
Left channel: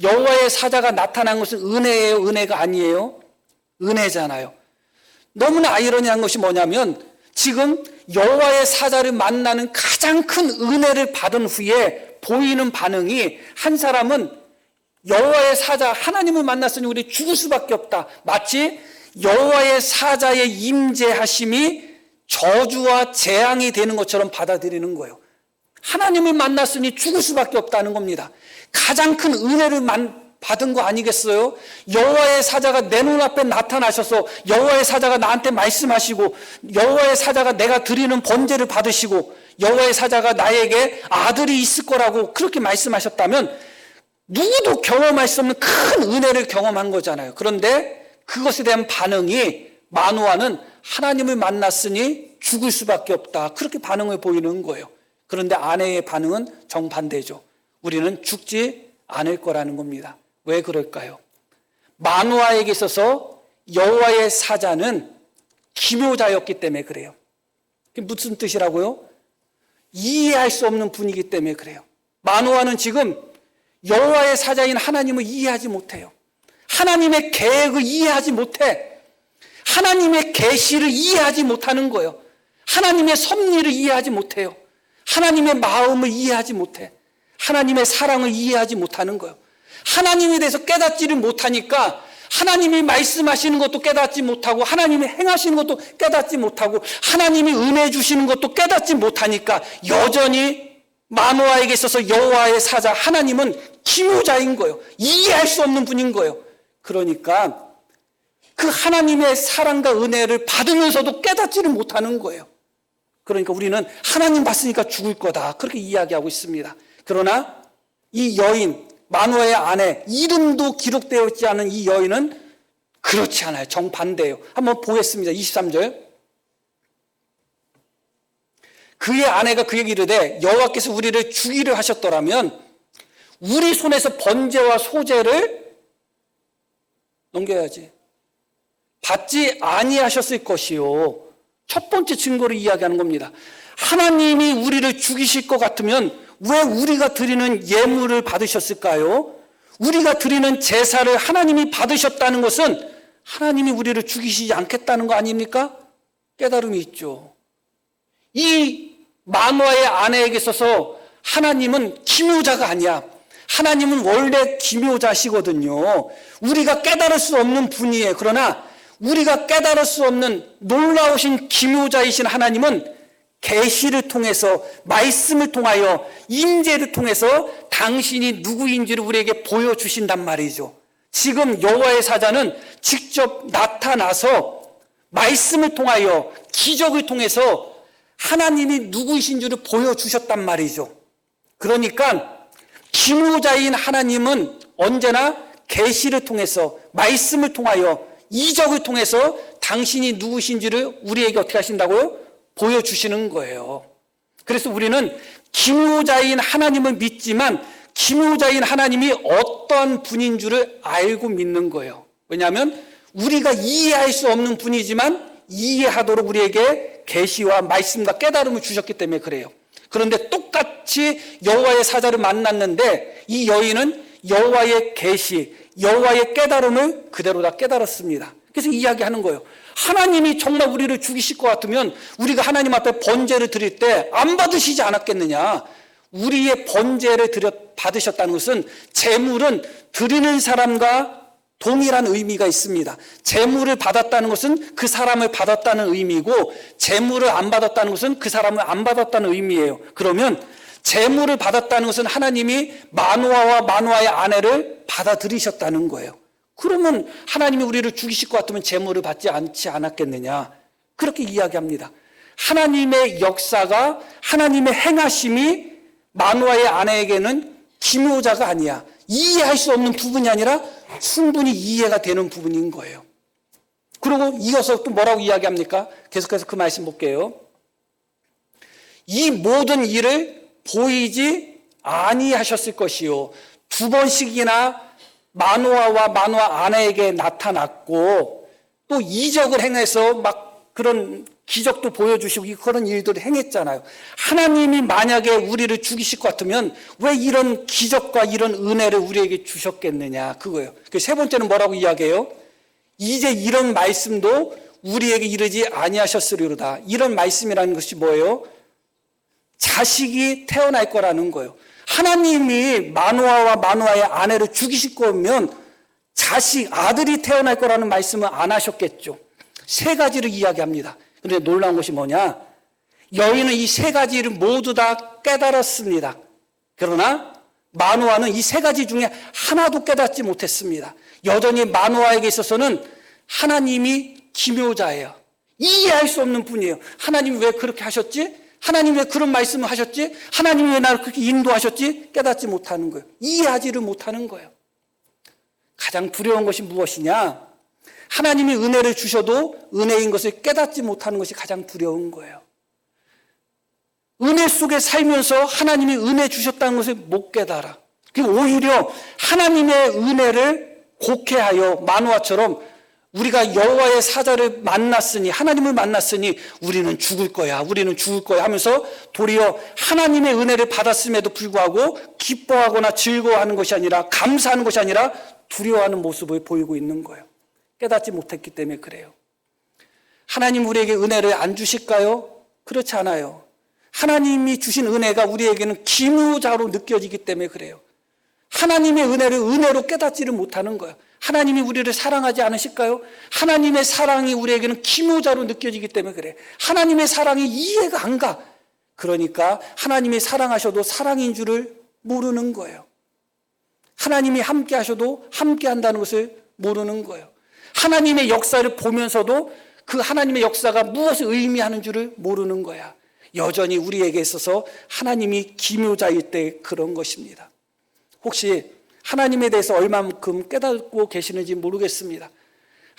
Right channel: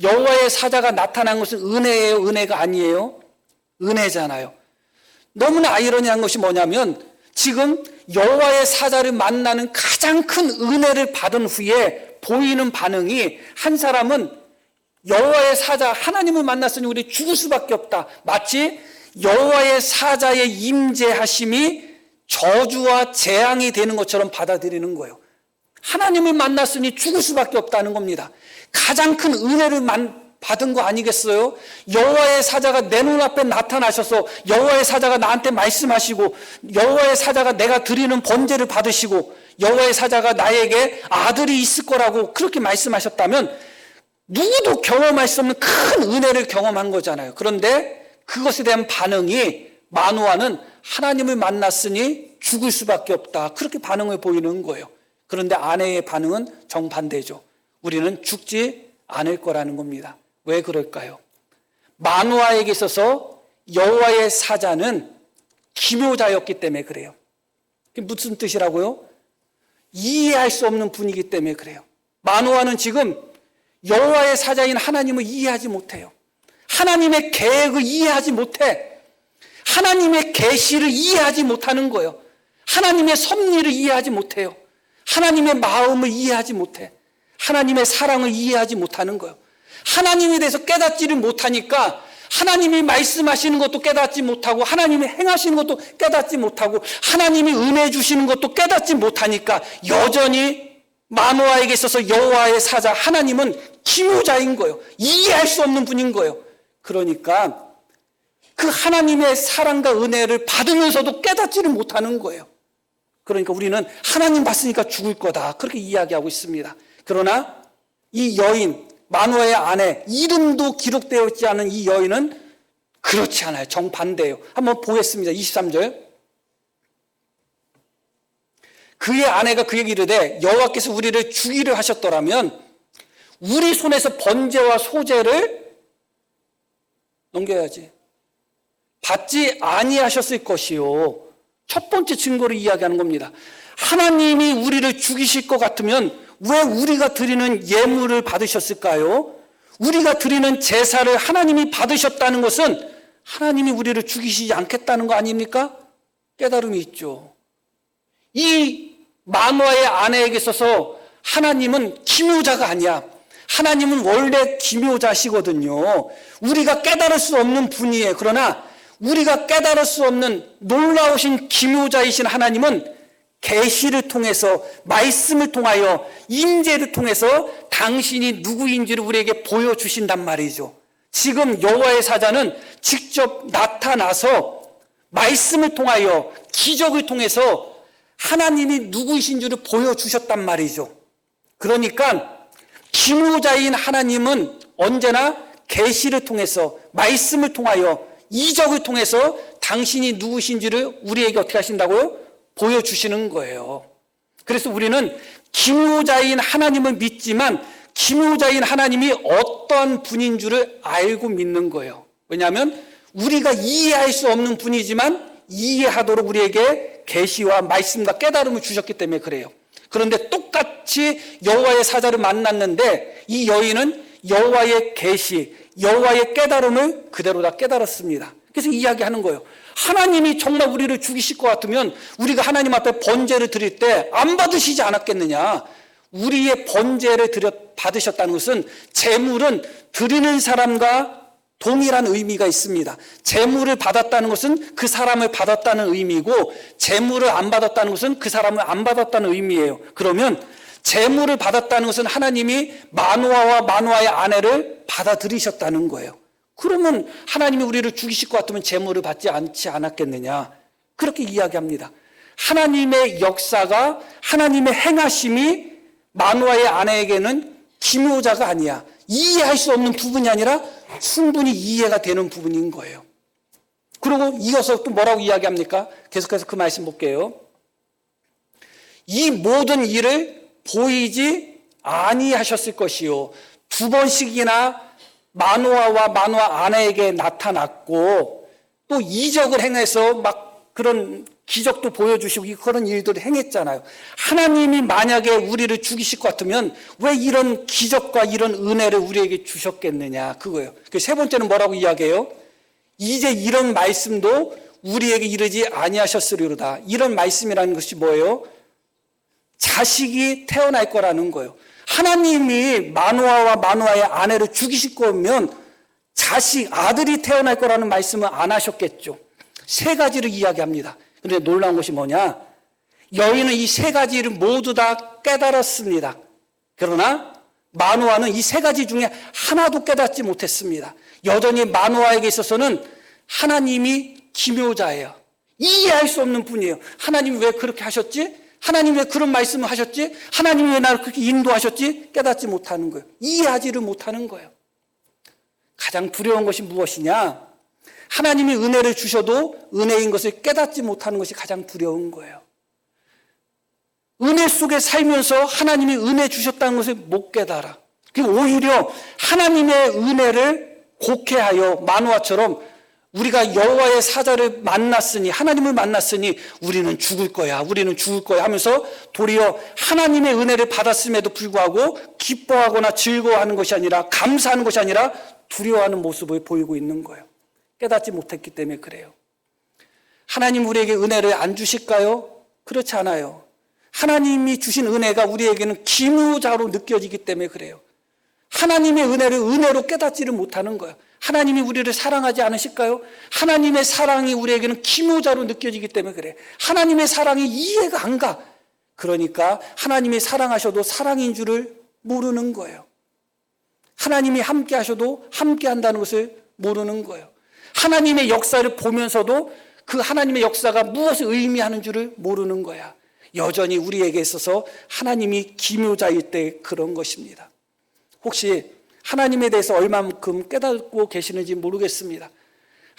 여호와의 사자가 나타난 것은 은혜예요, 은혜가 아니에요? 은혜잖아요. 너무나 아이러니한 것이 뭐냐면 지금 여호와의 사자를 만나는 가장 큰 은혜를 받은 후에 보이는 반응이, 한 사람은 여호와의 사자 하나님을 만났으니 우리 죽을 수밖에 없다, 마치 여호와의 사자의 임재하심이 저주와 재앙이 되는 것처럼 받아들이는 거예요. 하나님을 만났으니 죽을 수밖에 없다는 겁니다. 가장 큰 은혜를 받은 거 아니겠어요? 여호와의 사자가 너는 앞에 나타나셔서 여호와의 사자가 나한테 말씀하시고 여호와의 사자가 내가 부르는 경고를 받으시고 여호와의 사자가 나에게 아들이 있을 거라고 그렇게 말씀하셨다면 모두 전화 말씀이 큰 은혜를 경험한 거잖아요. 그런데 그것에 대한 반응이 마노아는 하나님을 만났으니 죽을 수밖에 없다, 그렇게 반응을 보이는 거예요. 그런데 아내의 반응은 정반대죠. 우리는 죽지 않을 거라는 겁니다. 왜 그럴까요? 마노아에게 있어서 여호와의 사자는 지도자였기 때문에 그래요. 그게 무슨 뜻이라고요? 이해할 수 없는 분이기 때문에 그래요. 마노아는 지금 여호와의 사자인 하나님을 이해하지 못해요. 하나님의 계획을 이해하지 못해요. 하나님의 계시를 이해하지 못하는 거예요. 하나님의 섭리를 이해하지 못해요. 하나님의 마음을 이해하지 못해요. 하나님의 사랑을 이해하지 못하는 거예요. 하나님에 대해서 깨닫지를 못하니까 하나님이 말씀하시는 것도 깨닫지 못하고 하나님이 행하시는 것도 깨닫지 못하고 하나님이 은혜 주시는 것도 깨닫지 못하니까 여전히 마노아에게 있어서 여호와의 사자 하나님은 지도자인 거예요. 이해할 수 없는 분인 거예요. 그러니까 그 하나님의 사랑과 은혜를 받으면서도 깨닫지를 못하는 거예요. 그러니까 우리는 하나님 봤으니까 죽을 거다, 그렇게 이야기하고 있습니다. 그러나 이 여인, 마누아의 아내, 이름도 기록되어 있지 않은 이 여인은 그의 아내가 얘기를 해. 여호와께서 우리를 주의를 하셨더라면 우리 손에서 번제와 소제를 번제하지 받지 아니하셨을 것이에요. 첫 번째 질문을 이야기하는 하나님은 우리를 죽이실 것 같으면 왜 우리가 드리는 예물을 버리셨을까요? 우리가 드리는 제사를 하나님을 버리셨다는 것은 하나님이 우리를 죽이시지 않겠다는 말이니까 깨달음을 있죠. 이 마누아의 아내에게 있어서 하나님은 필요자가 아니야. 하나님은 원래 필요자시거든요. 우리가 깨달을 수 없는 분이에요. 그러나 우리가 깨달을 수 없는 놀라운 필요자이신 하나님은 계시를 통해서 말씀을 통하여 인재를 통해서 당신이 누구인지를 우리에게 보여주신단 말이죠. 지금 여호와의 사자는 직접 나타나서 말씀을 통하여 기적을 통해서 하나님이 누구이신지를 보여주셨단 말이죠. 그러니까 필요자인 하나님은 언제나 계시를 통해서 말씀을 통하여 이적을 통해서 당신이 누구신지를 우리에게 어떻게 하신다고 보여주시는 거예요. 그래서 우리는 필요자인 하나님을 믿지만 필요자인 하나님이 어떤 분인지를 알고 있는 거예요. 왜냐하면 우리가 이해할 수 없는 분이지만 이해하고 우리에게 예수와 말씀과 깨달음을 주셨기 때문에 그런데 똑같이 여호와의 사자를 만났는데 이 여인은 여호와의 계시, 여호와의 깨달음을 그대로 다 깨달았습니다. 그래서 이야기하는 거예요. 하나님이 정말 우리를 죽이실 것 같으면 우리가 하나님 앞에 번제를 드릴 때 안 받으시지 않았겠느냐. 우리의 번제를 받으셨다는 것은 제물은 드리는 사람과 분명한 의미가 있습니다. 제물을 받았다는 것은 그 사람을 받았다는 의미고 제물을 안 받았다는 것은 그 사람을 안 받았다는 의미예요. 그러면 제물을 받았다는 것은 하나님이 마누아와 마누아의 아내를 받아들이셨다는 거예요. 그러면 하나님이 우리를 죽이실 것 같으면 제물을 받지 않지 않았겠느냐. 그렇게 이야기합니다. 하나님의 역사가 하나님의 행하심이 마누아의 아내에게는 중요자가 아니에요. 이해할 수 없는 부분이 아니라 순간의 이해가 되는 부분이에요. 그러면 이어서 또 뭐라고 이야기합니까? 다시 그 말씀 볼게요. 이 모든 일을 보이지 아니하셨을 것이요. 두 번씩이나 마누아와 마누아 아내에게 나타났고 또 이적을 행해서 막 그런 기적도 보여주시고 그런 일들을 행했잖아요. 하나님이 만약에 우리를 죽이실 것 같으면 왜 이런 기적과 이런 은혜를 우리에게 주셨겠느냐. 그게 세 번째는 뭐라고 하고요. 우리가 이런 말씀을 우리에게 주시지 아니하셨습니다. 이런 말씀을 하고 계신 거예요. 어찌지 태어났잖아요. 하나님이 마누아와 마누아가 아내를 죽이실 때는 아직 아들이 태어날 거라는 말씀을 안 하셨겠지. 한 가지 기대합니다. 그래 놀라우시지만 오늘 이 세 가지를 모두가 깨달았습니다. 그러나 마누아는 이 세 가지 중 하나도 깨닫지 못했어요. 오늘 마누아에 있어서는 하나님이 필요자예요. 이해할 수 없는 게 하나님의 예를 하셨고 하나님의 그런 말씀을 하셨고 하나님의 말씀을 우리가 하셨고 깨닫지 못하고 이해하지 못하는 거예요. 무서운 것이 무엇이냐? 하나님이 은혜를 주셔도 은혜인 것을 깨닫지 못하는 것이 가장 두려운 거예요. 은혜 속에 살면서 하나님의 은혜 주셨다는 것을 못 깨달아요. 오히려 하나님의 은혜를 불쾌하여 마누아처럼 우리가 여호와의 사자를 만났으니 하나님을 만났으니 우리를 죽일 거야, 우리를 죽일 거야 하면서 도리어 하나님의 은혜를 받았음에도 불구하고 기뻐하거나 즐거워하는 것이 아니라 감사하는 것이 아니라 두려워하는 모습을 보이고 있는 거예요. 깨닫지 못했기 때문에 그래요. 하나님 우리에게 은혜를 안 주실까요? 그렇지 않아요. 하나님이 주신 은혜가 우리에게 중요하다고 느껴지기 때문에 하나님의 은혜를 우리가 깨닫지를 못합니다. 하나님이 우리를 사랑하지 않으실까요? 하나님의 사랑이 우리에게 중요하다고 느껴지기 때문에 하나님의 사랑이 우리에게 한다. 그러니까 하나님의 사랑을 우리가 사랑하는 것을 모르는 거예요. 하나님이 함께하고 함께한다는 것을 모르는 거예요. 하나님의 역사를 보면서도 그 하나님의 역사가 무엇을 의미하는지를 모르는 거예요. 여전히 우리에게 있어서 하나님이 기묘자일 때 그런 것입니다. 혹시 하나님에 대해서 얼마만큼 깨닫고 계시는지 모르겠습니다.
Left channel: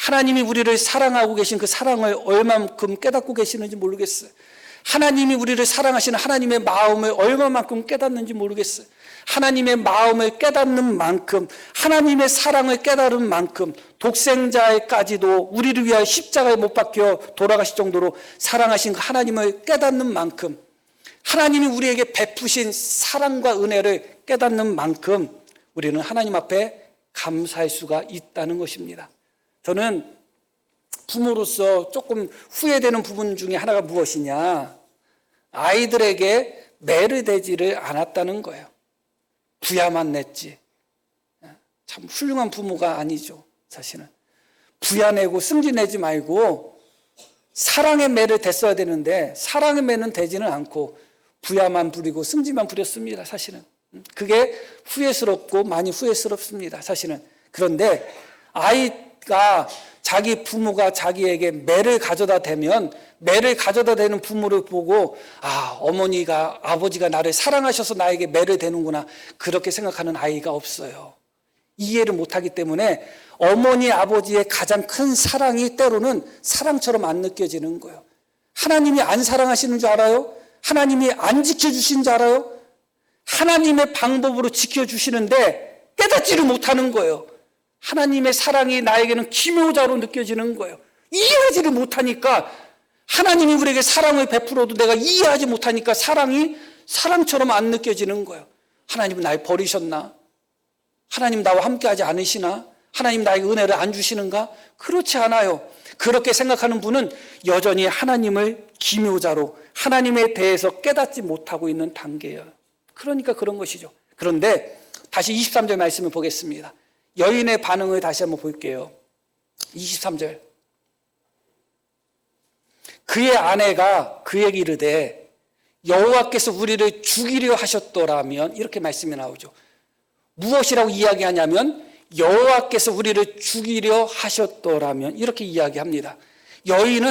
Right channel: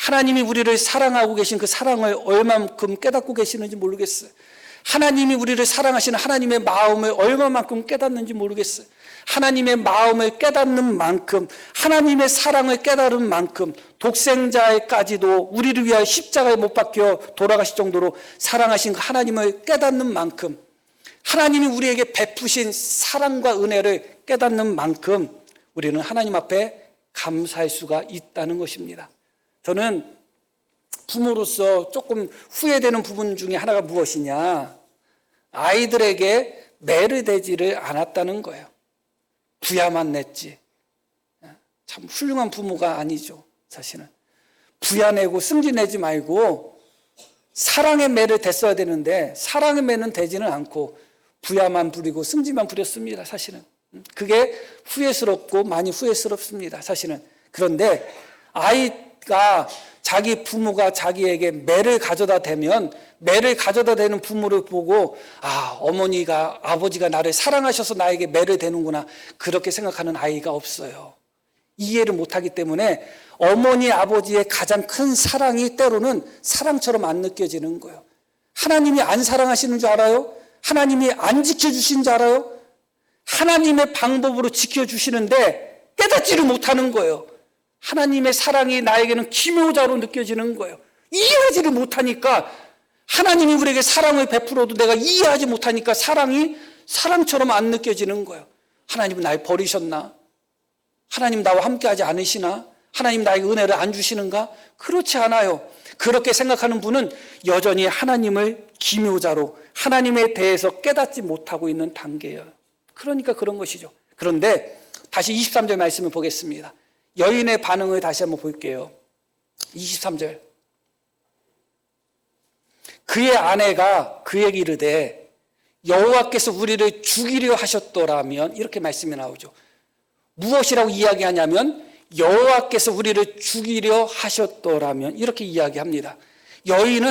하나님은 우리를 사랑하는 것이고 그 사랑을 얼마만큼 깨닫고 계시는지 모르겠어요. 하나님이 우리를 사랑하시는 하나님의 마음을 얼마만큼 깨닫는지 모르겠어요. 하나님의 마음을 깨닫는 만큼, 하나님의 사랑을 깨달은 만큼 독생자에까지도 우리를 위하여 십자가에 못 박혀 돌아가실 정도로 사랑하신 하나님을 깨닫는 만큼, 하나님이 우리에게 베푸신 사랑과 은혜를 깨닫는 만큼 우리는 하나님 앞에 감사할 수가 있다는 것입니다. 저는 부모로서 조금 후회되는 부분 중에 하나가 무엇이냐, 아이들에게 내려되지를 않았다는 거예요. 부야만 냈지. 참 훌륭한 부모가 아니죠. 부야내고 승기내지 말고 사랑은 내려댔어야 되는데 사랑은 내면 되지는 않고 부야만 부리고 승기만 부렸습니다. 사실은 그게 후회스럽고 많이 후회스럽습니다. 사실은 그런데 아이가 자기 부모가 자기에게 매를 가져다 대면 매를 가져다 대는 부모를 보고 어머니가 아버지가 나를 사랑하셔서 나에게 매를 대는구나 그렇게 생각하는 아이가 없어요. 이해를 못하기 때문에 어머니 아버지의 가장 큰 사랑이 때로는 사랑처럼 안 느껴지는 거예요. 하나님이 안 사랑하시는 줄 알아요? 하나님이 안 지켜주시는 줄 알아요? 하나님의 방법으로 지켜주시는데 깨닫지를 못하는 거예요. 하나님의 사랑이 나에게는 필요자로 느껴지는 거예요. 이해하지를 못하니까 하나님은 우리에게 사랑을 베풀어도 내가 이해하지 못하니까 사랑이 사랑처럼 안 느껴지는 거예요. 하나님 날 버리셨나요? 하나님 나와 함께하지 않으시나요? 하나님 나의 은혜를 안 주시는가? 그렇지 않아요. 그렇게 생각하는 분은 여전히 하나님을 길무자로 하나님에 대해서 깨닫지 못하고 있는 단계예요. 그러니까 그런 것이죠. 그런데 다시 23절 말씀을 보겠습니다. 여인의 반응을 다시 한번 볼게요. 23절. 그의 아내가 그에게 이르되 여호와께서 우리를 죽이려 하셨더라면 이렇게 말씀을 나오죠. 무엇이라고 이야기하냐면 여호와께서 우리를 죽이려 하셨더라면 이렇게 이야기합니다. 여인은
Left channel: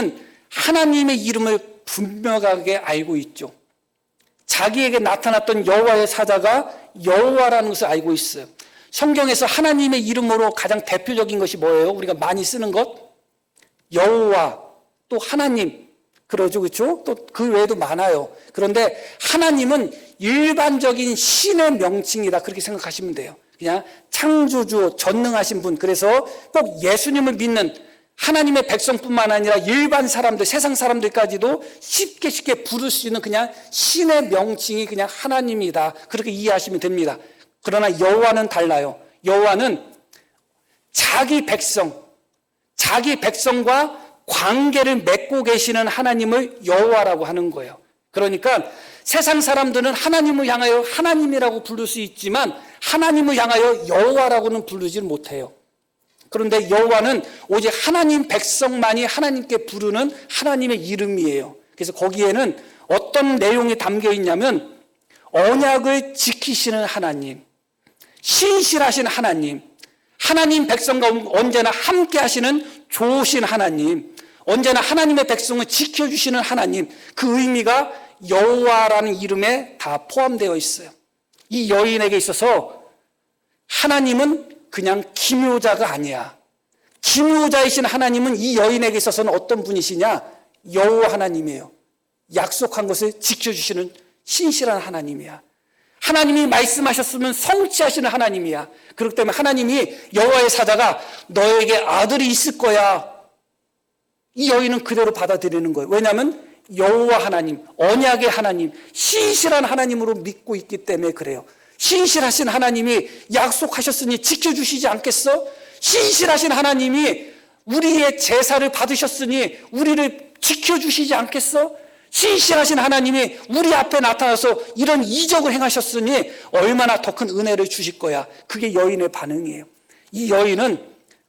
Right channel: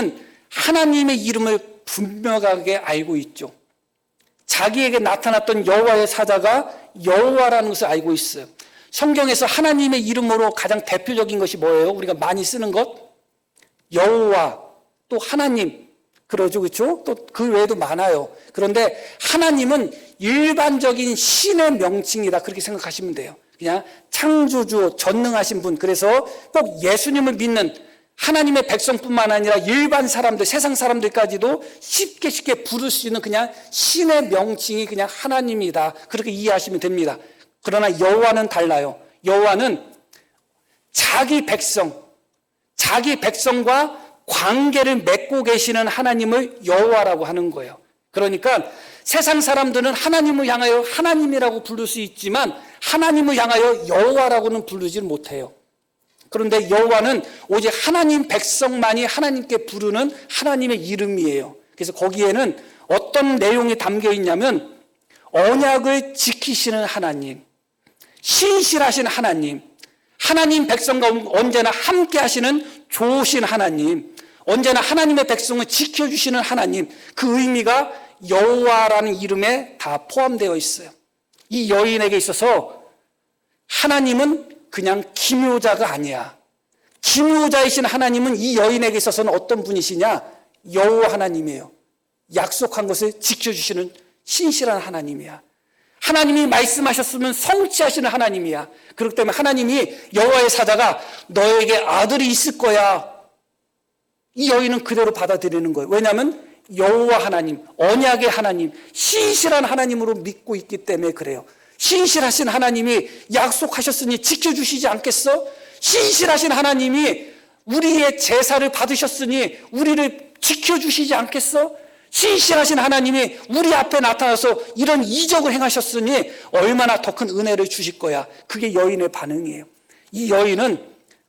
하나님의 이름을 분명하게 알고 있죠. 자기에게 나타났던 여호와의 사자가 여호와라는 것을 알고 있어요. 성경에서 하나님의 이름으로 가장 대표적인 것이 뭐예요? 우리가 많이 쓰는 것? 여호와, 또 하나님, 그러죠, 그렇죠? 또 그 외에도 많아요. 그런데 하나님은 일반적인 신의 명칭이다 그렇게 생각하시면 돼요. 그냥 창조주, 전능하신 분. 그래서 또 예수님을 믿는 하나님의 백성뿐만 아니라 일반 사람들, 세상 사람들까지도 쉽게 부를 수 있는 그냥 신의 명칭이 그냥 하나님이다 그렇게 이해하시면 됩니다. 그러나 여호와는 달라요. 여호와는 자기 백성과 관계를 맺고 계시는 하나님을 여호와라고 하는 거예요. 그러니까 세상 사람들은 하나님을 향하여 하나님이라고 부를 수 있지만 하나님을 향하여 여호와라고는 부르지 못해요. 그런데 여호와는 오직 하나님 백성만이 하나님께 부르는 하나님의 이름이에요. 그래서 거기에는 어떤 내용이 담겨 있냐면 언약을 지키시는 하나님, 신실하신 하나님, 하나님 백성과 언제나 함께 하시는 좋으신 하나님, 언제나 하나님의 백성을 지켜주시는 하나님, 그 의미가 여호와라는 이름에 다 포함되어 있어요. 이 여인에게 있어서 하나님은 그냥 지도자가 아니에요. 지도자이신 하나님은 이 여인에게 있어서는 어떤 분이시냐? 여호와 하나님이에요. 약속한 것을 지켜주시는 신실한 하나님이에요. 하나님이 말씀하셨으면 성취하시는 하나님이에요. 그렇기 때문에 하나님이 여호와의 사자가 너에게 아들이 있을 거야. 이 여인은 그대로 받아들이는 거예요. 왜냐하면 여호와 하나님, 언약의 하나님, 신실한 하나님으로 믿고 있기 때문에 그래요. 신실하신 하나님이 약속하셨으니 지켜주시지 않겠어? 신실하신 하나님이 우리의 제사를 받으셨으니 우리를 지켜주시지 않겠어? 신실하신 하나님이 우리 앞에 나타나서 이런 이적을 행하셨으니 얼마나 깊이 은혜를 주실 거예요. 그게 여인의 반응이에요. 이 여인은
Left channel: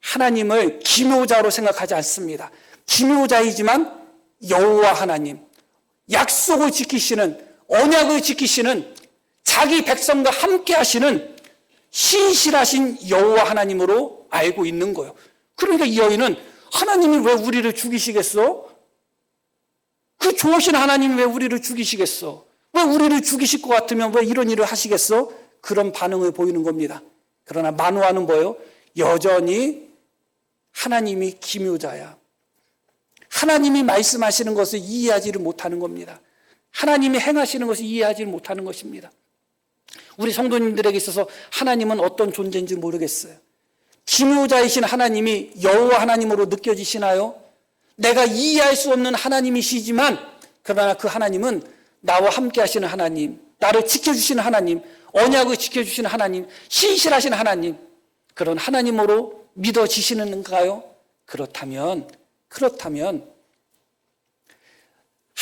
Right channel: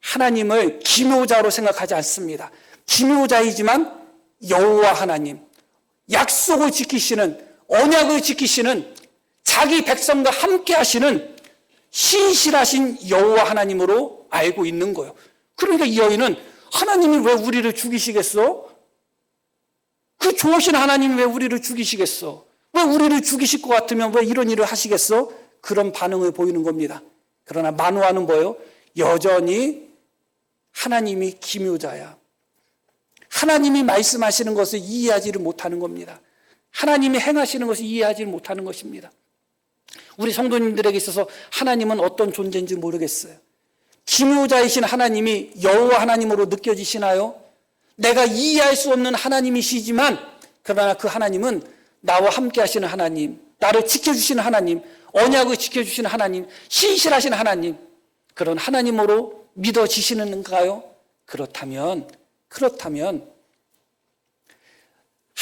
하나님을 지도자로 생각하지 않습니다. 지도자이지만 여호와 하나님, 약속을 지키시는, 언약을 지키시는, 자기 백성과 함께 하시는 신실하신 여호와 하나님으로 알고 있는 거예요. 그런데 이 여인은 하나님은 우리를 죽이시겠어요? 그 좋으신 하나님이 우리를 죽이시겠어요? 우리를 죽이실 것 같은 이런 일을 하시겠어요? 그런 기도를 보이는 건 하나님의 기묘자야. 하나님이 말씀하시는 것을 이해하지를 못하는 겁니다. 하나님이 행하시는 것을 이해하지 못하는 것입니다. 우리 성도님들에게 있어서 하나님은 어떤 존재인지 모르겠어요. 기묘자이신 하나님이 여호와 하나님으로 느껴지시나요? 내가 이해할 수 없는 하나님이시지만 그러나 그 하나님은 나와 함께 하시는 하나님, 나를 지켜주시는 하나님, 언약을 지켜주시는 하나님, 신실하신 하나님, 그런 하나님으로 믿어지시는가요? 그렇다면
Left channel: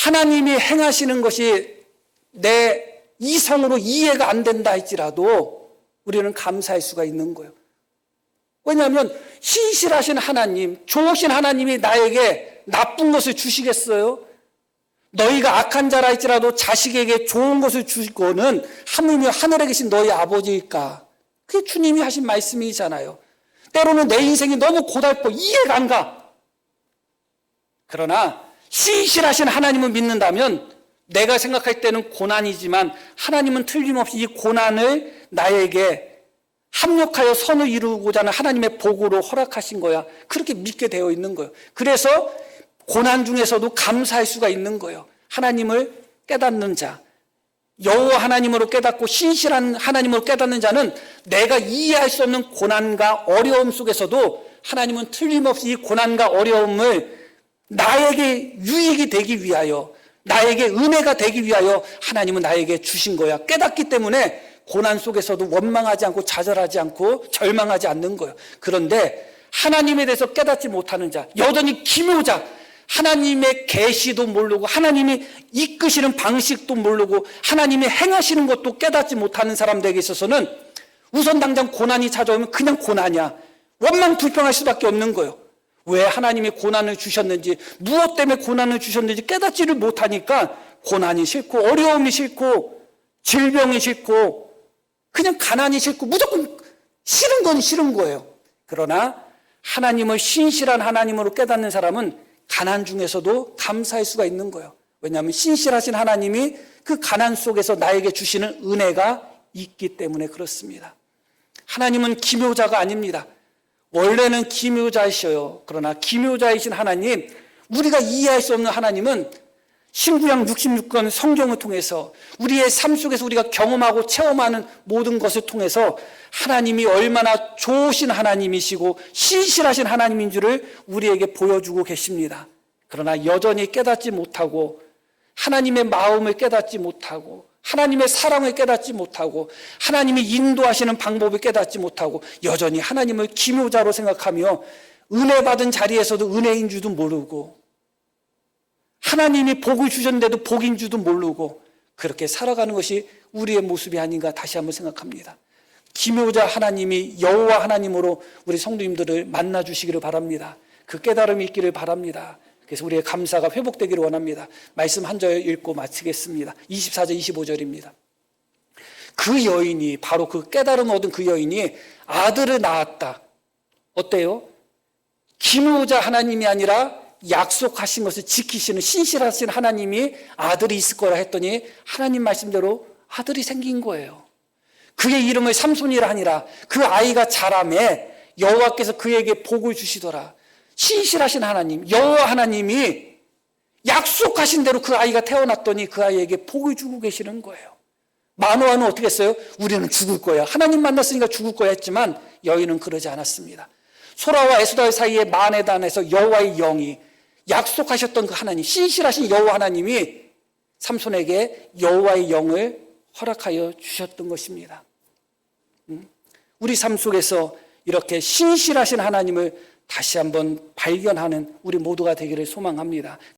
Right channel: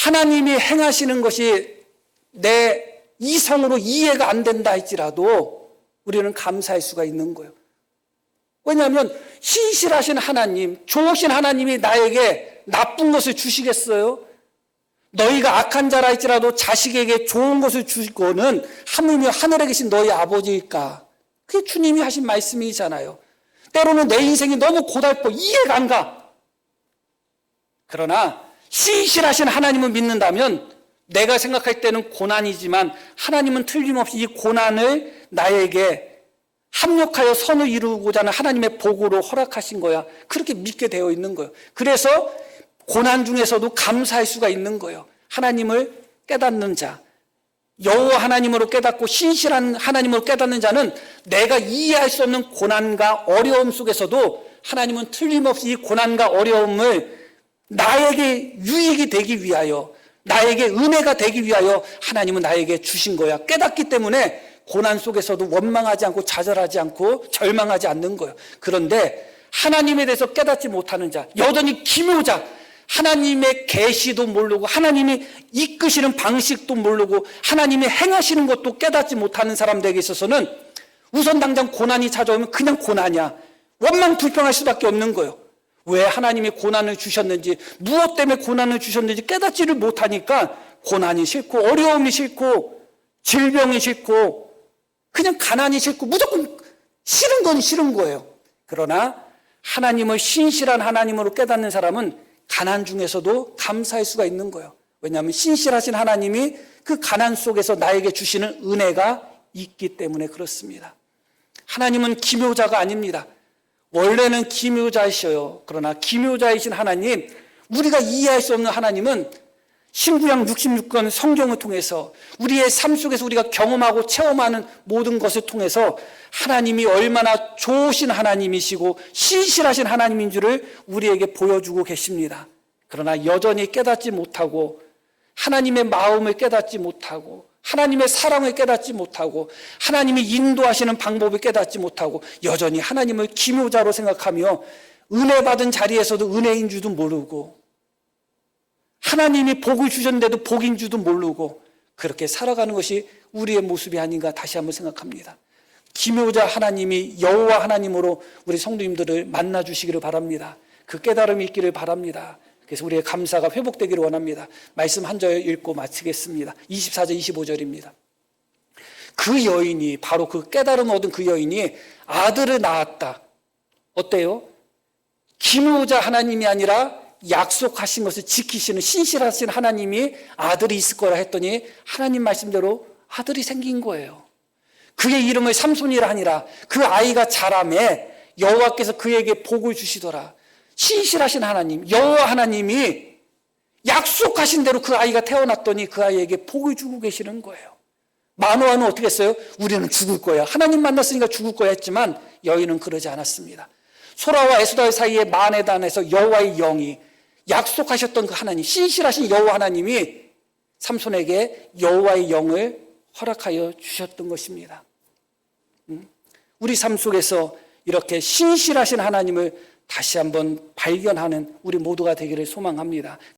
하나님이 행하시는 것이 내 이상으로 이해가 안 된다 할지라도 우리는 감사할 수가 있는 거예요. 왜냐하면 신실하신 하나님, 좋으신 하나님이 나에게 나쁜 것을 주시겠어요? 너희가 악한 자라 할지라도 자식에게 좋은 것을 줄 거는 하늘에 계신 너희 아버지일까? 그 주님이 하신 말씀이잖아요. 때로는 내 인생이 너무 고달퍼 이해가 안 가. 그러나 신실하신 하나님을 믿는다면 내가 생각할 때는 고난이지만 하나님은 틀림없이 이 고난을 나에게 합력하여 선을 이루고자 하는 하나님의 도구를 허락하신 거야. 그렇게 믿게 되어 있는 거야. 그래서 고난 중에서도 감사할 수가 있는 거예요. 하나님을 깨닫는 자, 여호와 하나님으로 깨닫고 신실한 하나님으로 깨닫는 자는 내가 이해할 수 없는 고난과 어려움 속에서도 하나님은 틀림없이 이 고난과 어려움을 나에게 유익이 되기 위하여, 나에게 은혜가 되기 위하여 하나님은 나에게 주신 거야. 깨닫기 때문에 고난 속에서도 원망하지 않고 좌절하지 않고 절망하지 않는 거예요. 그런데 하나님에 대해서 깨닫지 못하는 자, 여전히 기묘자, 하나님의 계시도 모르고 하나님이 이끄시는 방식도 모르고 하나님이 행하시는 것도 깨닫지 못하는 사람들에게 있어서는 우선 당장 고난이 찾아오면 그냥 고난이야. 원망 불평할 수밖에 없는 거예요. 왜 하나님이 고난을 주셨는지, 무엇 때문에 고난을 주셨는지 깨닫지를 못하니까 고난이 싫고 어려움이 싫고 질병이 싫고 그냥 가난이 싫고 무조건 싫은 건 싫은 거예요. 그러나 하나님을 신실한 하나님으로 깨닫는 사람은 가난 중에서도 감사할 수가 있는 거예요. 왜냐하면 신실하신 하나님이 그 가난 속에서 나에게 주시는 은혜가 있기 때문에 그렇습니다. 하나님은 기묘자가 아닙니다. 원래는 기묘자이셔요. 그러나 기묘자이신 하나님, 우리가 이해할 수 없는 하나님은 신구약 66권 성경을 통해서 우리의 삶 속에서 우리가 경험하고 체험하는 모든 것을 통해서 하나님이 얼마나 좋으신 하나님이시고 신실하신 하나님인 줄을 우리에게 보여주고 계십니다. 그러나 여전히 깨닫지 못하고 하나님의 마음을 깨닫지 못하고 하나님의 사랑을 깨닫지 못하고 하나님이 인도하시는 방법을 깨닫지 못하고 여전히 하나님을 기묘자로 생각하며 은혜 받은 자리에서도 은혜인 줄도 모르고 하나님이 복을 주셨는데도 복인 줄도 모르고 그렇게 살아가는 것이 우리의 모습이 아닌가 다시 한번 생각합니다. 기묘자 하나님이 여호와 하나님으로 우리 성도님들을 만나 주시기를 바랍니다. 그 깨달음이 있기를 바랍니다. 그래서 우리의 감사가 회복되기를 원합니다. 말씀 한 절 읽고 마치겠습니다. 24절 25절입니다. 그 여인이, 바로 그 깨달음 얻은 그 여인이 아들을 낳았다. 어때요? 기묘자 하나님이 아니라 약속하신 것을 지키시는 신실하신 하나님이 아들이 있을 거라 했더니 하나님 말씀대로 아들이 생긴 거예요. 그의 이름을 삼손이라 하니라. 그 아이가 자라매 여호와께서 그에게 복을 주시더라. 신실하신 하나님, 여호와 하나님이 약속하신 대로 그 아이가 태어났더니 그 아이에게 복을 주고 계시는 거예요. 마노아는 어떻게 했어요? 우리는 죽을 거야. 하나님 만났으니까 죽을 거야 했지만 여인은 그러지 않았습니다. 소라와 에스더 사이에 마네단에서 여호와의 영이 약속하셨던 그 하나님, 신실하신 여호와 하나님이 삼손에게 여호와의 영을 허락하여 주셨던 것입니다. 우리 삶 속에서 이렇게 신실하신 하나님을 다시 한번 발견하는 우리 모두가 되기를 소망합니다.